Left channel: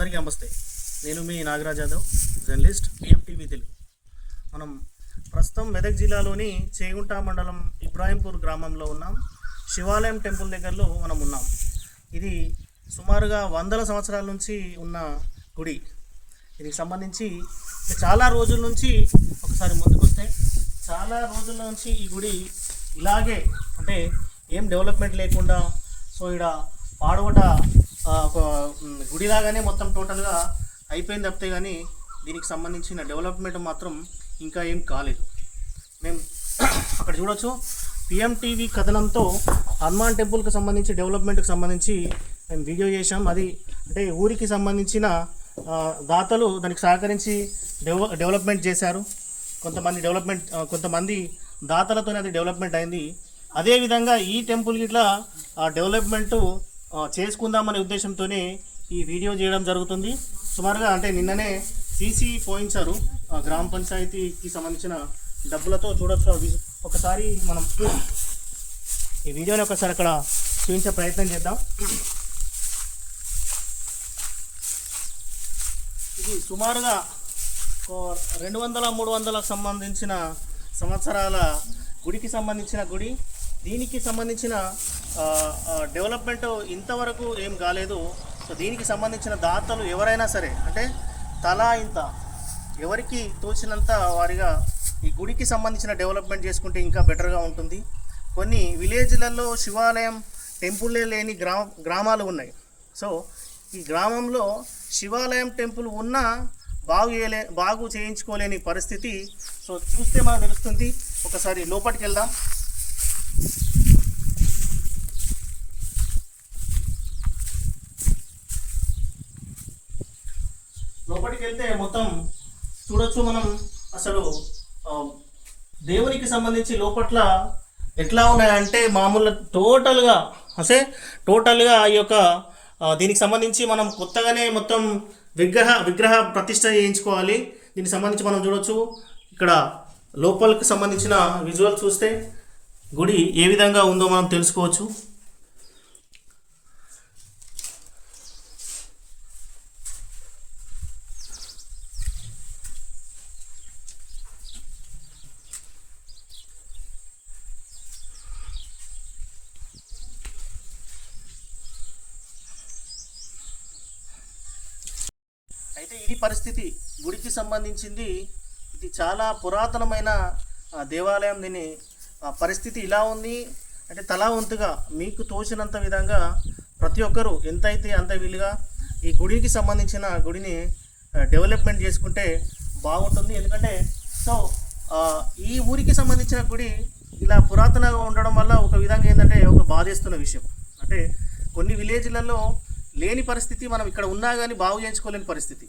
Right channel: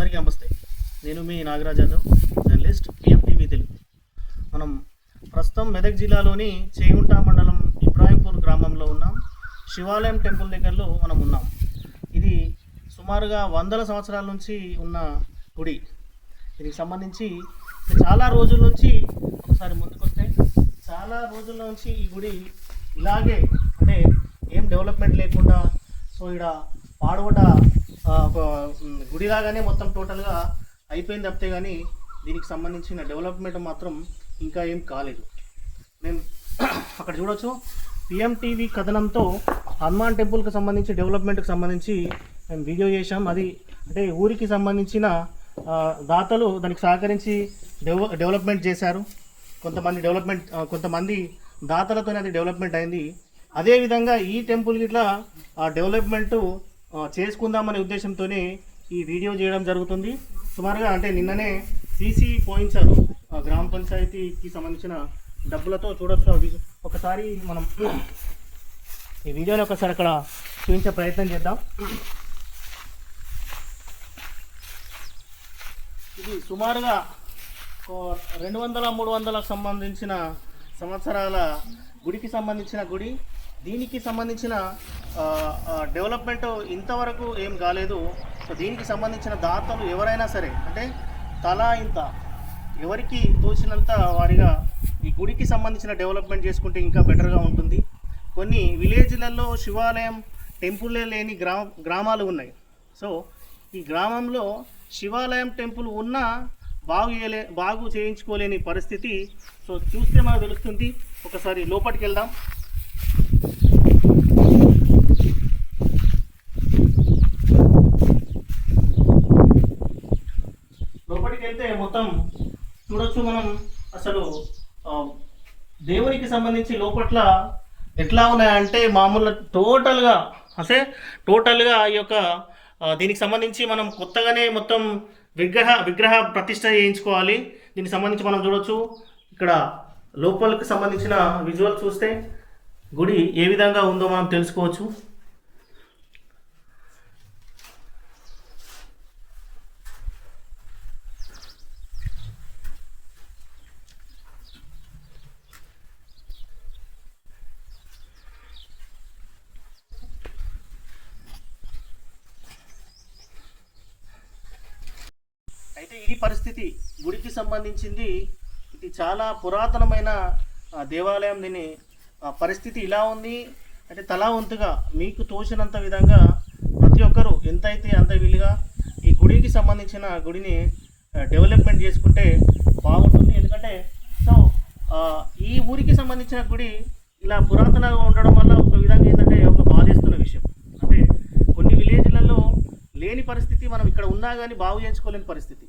అందరికీ నమస్తే. నేను మీ నాగరాజ్ యాదవ్, జర్నలిస్ట్, పిఎంటీవీ తెలుగు. మనం ప్రస్తుతం మెదక్ జిల్లాలోని చేగుంట మండలం ఇబ్రాహీంపూర్ గ్రామంలో ఉన్నాం. శివాలయం టెంపుల్ దగ్గరలో మనం ఉన్నాం. ఇది సుమారుగా వందల సంవత్సరాల నుంచి ఉన్న గుడి. దీనికి సంబంధించి చాలా రోజుల నుంచి, ఒకసారి ముందుకొస్తే చాలా రోజుల నుంచి ఈ గుడి ఇలాగే, అంటే ఏం డెవలప్మెంట్ లేకుండా, సో ఇక్కడ పాడవట ఒక గుడిలాగానే మొత్తం టోటల్గా అయిపోయింది తప్పితే కానీ దీనికి సంబంధించిన డెవలప్మెంట్ మాత్రం ఇంకా ఏం కాలేదు. మేము అక్కడ చూడవచ్చు, పిఎంటీవీ కథనంతో హనుమాన్ టెంపుల్కి సంబంధించి డెవలప్మెంట్కి సంబంధించి మేము వీడియో చేసాం. అది అంటే ఊరికి సంబంధించిన దాతలు దానికి సహకరించి డెవలప్మెంట్ చేశారు. కొంతమంది దాతలతోనే అది డెవలప్మెంట్ అయింది. అదేవిధంగా ఈ టెంపుల్కి ఇట్లా డెవలప్మెంటు చేసుకుందామనే ఉద్దేశంతోనే ఈ వీడియో చేయడం జరుగుతుంది. సుమారుగా అంటే నిన్ననే సీసీ పోయించారు గ్రామ పంచాయతీకి సంబంధించిన డబ్బులతో. చూడొచ్చు, ఒకసారి మనం ఈ వీడియోని ఒకసారి అక్కడ చూపించే ప్రయత్నం చేద్దాం. ఇది సుమారుగా 200-300 సంబంధించిన సంవత్సరాల గుడికి సంబంధించిన గుడి. దీనికి సంబంధించిన డెవలప్మెంట్ ఇంతవరకు ఏం కాలేదు. సో దీనికి సంబంధించిన దాతలు ఎవరైనా సరే, అంటే తలా ఇంత ఎవరికి తోచినంత వారిగా ఈ గుడికి సంబంధించిన డెవలప్మెంట్ చేసుకుంటే ఇంకా బెటర్గా ఉంటుంది. కొన్ని విలేజ్లలో శివాలయం టెంపుల్లే లేని గ్రామాలు ఉన్నాయి. సో ఈ గ్రామంలో శివాలయం టెంపుల్ ఉన్నా బాగు చేయించుకోలేని పరిస్థితి. సో చూస్తే మనకు తెలుస్తుంది. ఒకసారి లోపలికి వెళ్దాం. లోపలికి వెళ్తే మొత్తం చూడొచ్చు మనం. అసలు దేవునికి సంబంధించి లోపట్ల ఎట్లా ఉన్నాయంటే మామూలు టోటల్గా ఈ యొక్క దీనికి సంబంధించి మనం కొత్తగానే మొత్తం విగ్రహ ప్రతిష్ట చేయించుకోవాలి. దీనికి సంబంధించి మనం చూడొచ్చు, ఇక్కడ లోపలికి సంబంధించిన విజువల్ చూస్తే గుడి ఏ విధంగా ఉందో మనం తెలుసుకోవచ్చు. అయితే ఇది పరిస్థితి గుడికి సంబంధించింది. ఇది చాలా పురాతనమైన దేవాలయం. దీని పరిస్థితి ఇలా ఉంది. అంటే తలా వంతుగా మీకు తోచినంత విధంగా ప్రతి ఒక్కరూ ఎంతైతే అంత వీలుగా ఈ గుడికి సంబంధించిన గుడిని డెవలప్మెంట్ చేసుకుంటే బాగుంటుంది. ఎందుకంటే సో ఈ ఊరికి సంబంధించిన గుడి ఇలా పురాతనంగా ఉండడం వల్ల ఒక విధంగా ఏంటంటే ఒక బాధేస్తున్న విషయం. అంటే కొన్ని విలేజ్లలో లేని పరిస్థితి, మనం ఇక్కడ ఉన్నా కానీ బాగు చేయించుకోలేని పరిస్థితి.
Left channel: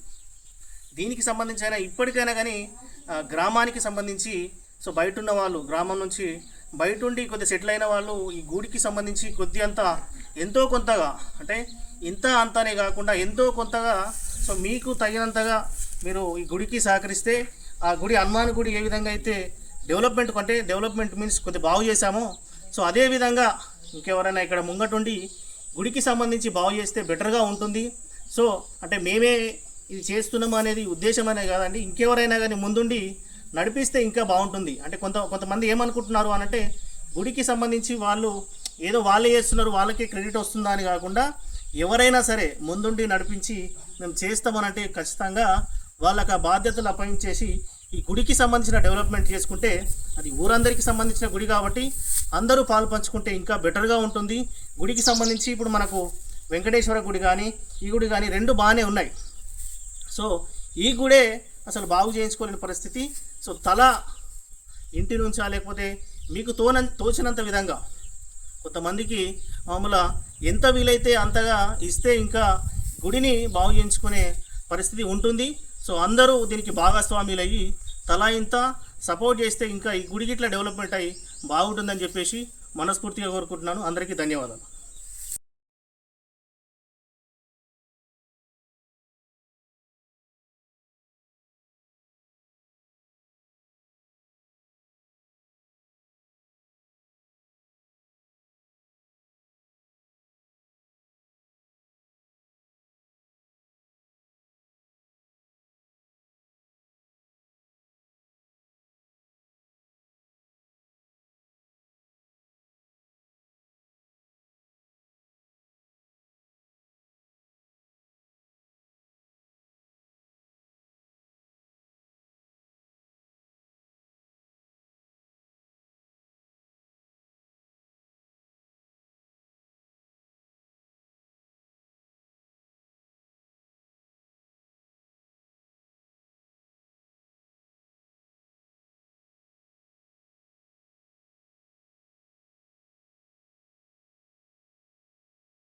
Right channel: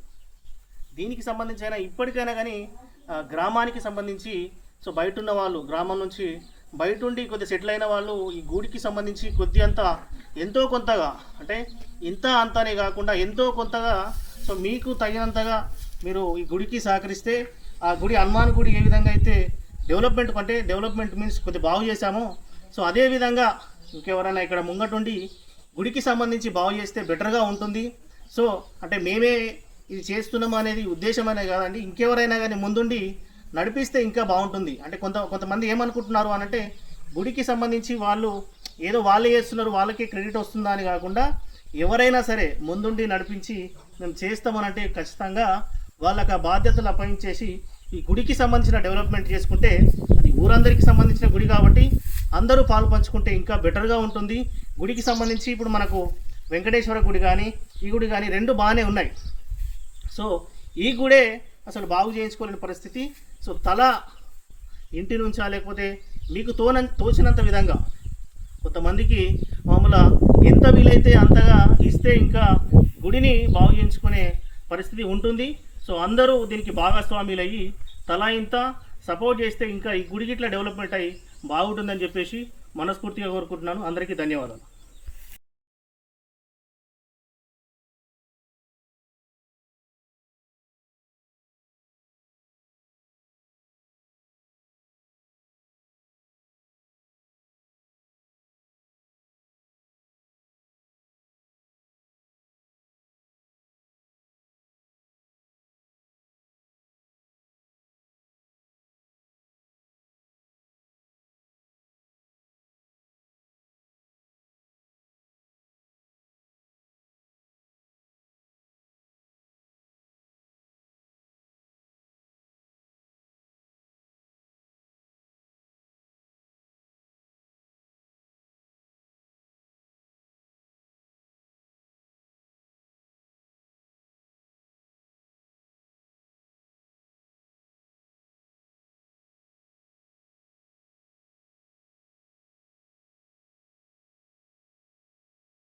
దీనికి సంబంధించి ఇప్పటికైనా కానీ గ్రామానికి సంబంధించి, సో బయట ఉన్న వాళ్ళు, గ్రామం నుంచి బయట ఉండి కొద్దిగా సెటిల్ అయిన వాళ్ళు ఈ గుడికి సంబంధించి ఎంతో కొంతగా, అంటే ఇంత అంతానే కాకుండా ఎంతో కొంతగా, సో మీకు తగినంతగా మీరు ఈ గుడికి సహకరిస్తే ఆ గుడి, హనుమాన్ గుడి ఏ విధంగా అయితే డెవలప్మెంట్ మీన్స్ కొద్దిగా బాగు చేశామో, సో అదేవిధంగా ఇంకెవరైనా ఇక్కడ ముంగటుండి గుడికి సంబంధించి బాగు చేస్తే బెటర్గా ఉంటుంది. సో అంటే మేమే ఇది చేస్తున్నాము అనేది ఉద్దేశమైనా కాదండి, ఇంకెవరైనా కానీ ముందుండి నడిపిస్తే ఇంకా బాగుంటుంది. అంటే కొంతమంది ఏమనుకుంటున్నారు అనంటే గుడికి సంబంధించి వాళ్ళే చేస్తున్నారు, వాళ్ళకే క్రెడిట్ వస్తుందా అని కాకుండా ఎవరైనా సరే ముందుండి నడిపించి మేము చేస్తామనంటే ఖచ్చితంగా వాళ్ళకి ఆ బాధ్యతలు అప్పగించేసి ఈ గుడికి సంబంధించిన డెవలప్మెంట్ చేసుకుంటే, అది ఊరందరికీ సంబంధించిన గుడి కాబట్టి అందరూ పాలు పంచుకుంటే ఇంకా బెటర్గా ఉంటుంది. గుడికి సంబంధించి ఇప్పుడు మనకు వెంకటేశ్వర గుడి కానీ ఈ గుడి కానీ రెండు బాగానే ఉన్నాయి. సో ఈ గుడే అసలు బాగు చేయించుకోలేని పరిస్థితి. సో తల ఇంటి నుంచా లేకపోతే మీకు తోచినంత విధంగా కొంతమందికి మామూలుగా ఎంత వీలైతే అంతగా ఇస్తే ఇంకా గుడిని బాగు చేయించుకునే పరిస్థితి ఉంటుంది. సో అందరూ దీనికి భాగస్వాములు అయ్యి తలా ఇంత సపోర్ట్ చేస్తే ఇంకా ఈ గుడికి ఇట్లా డెవలప్మెంట్ అయ్యి బాగుంటుందని చెప్పేసి మనస్ఫూర్తిగా కోరుకుంటున్నాను. అందరికీ ధన్యవాదాలు.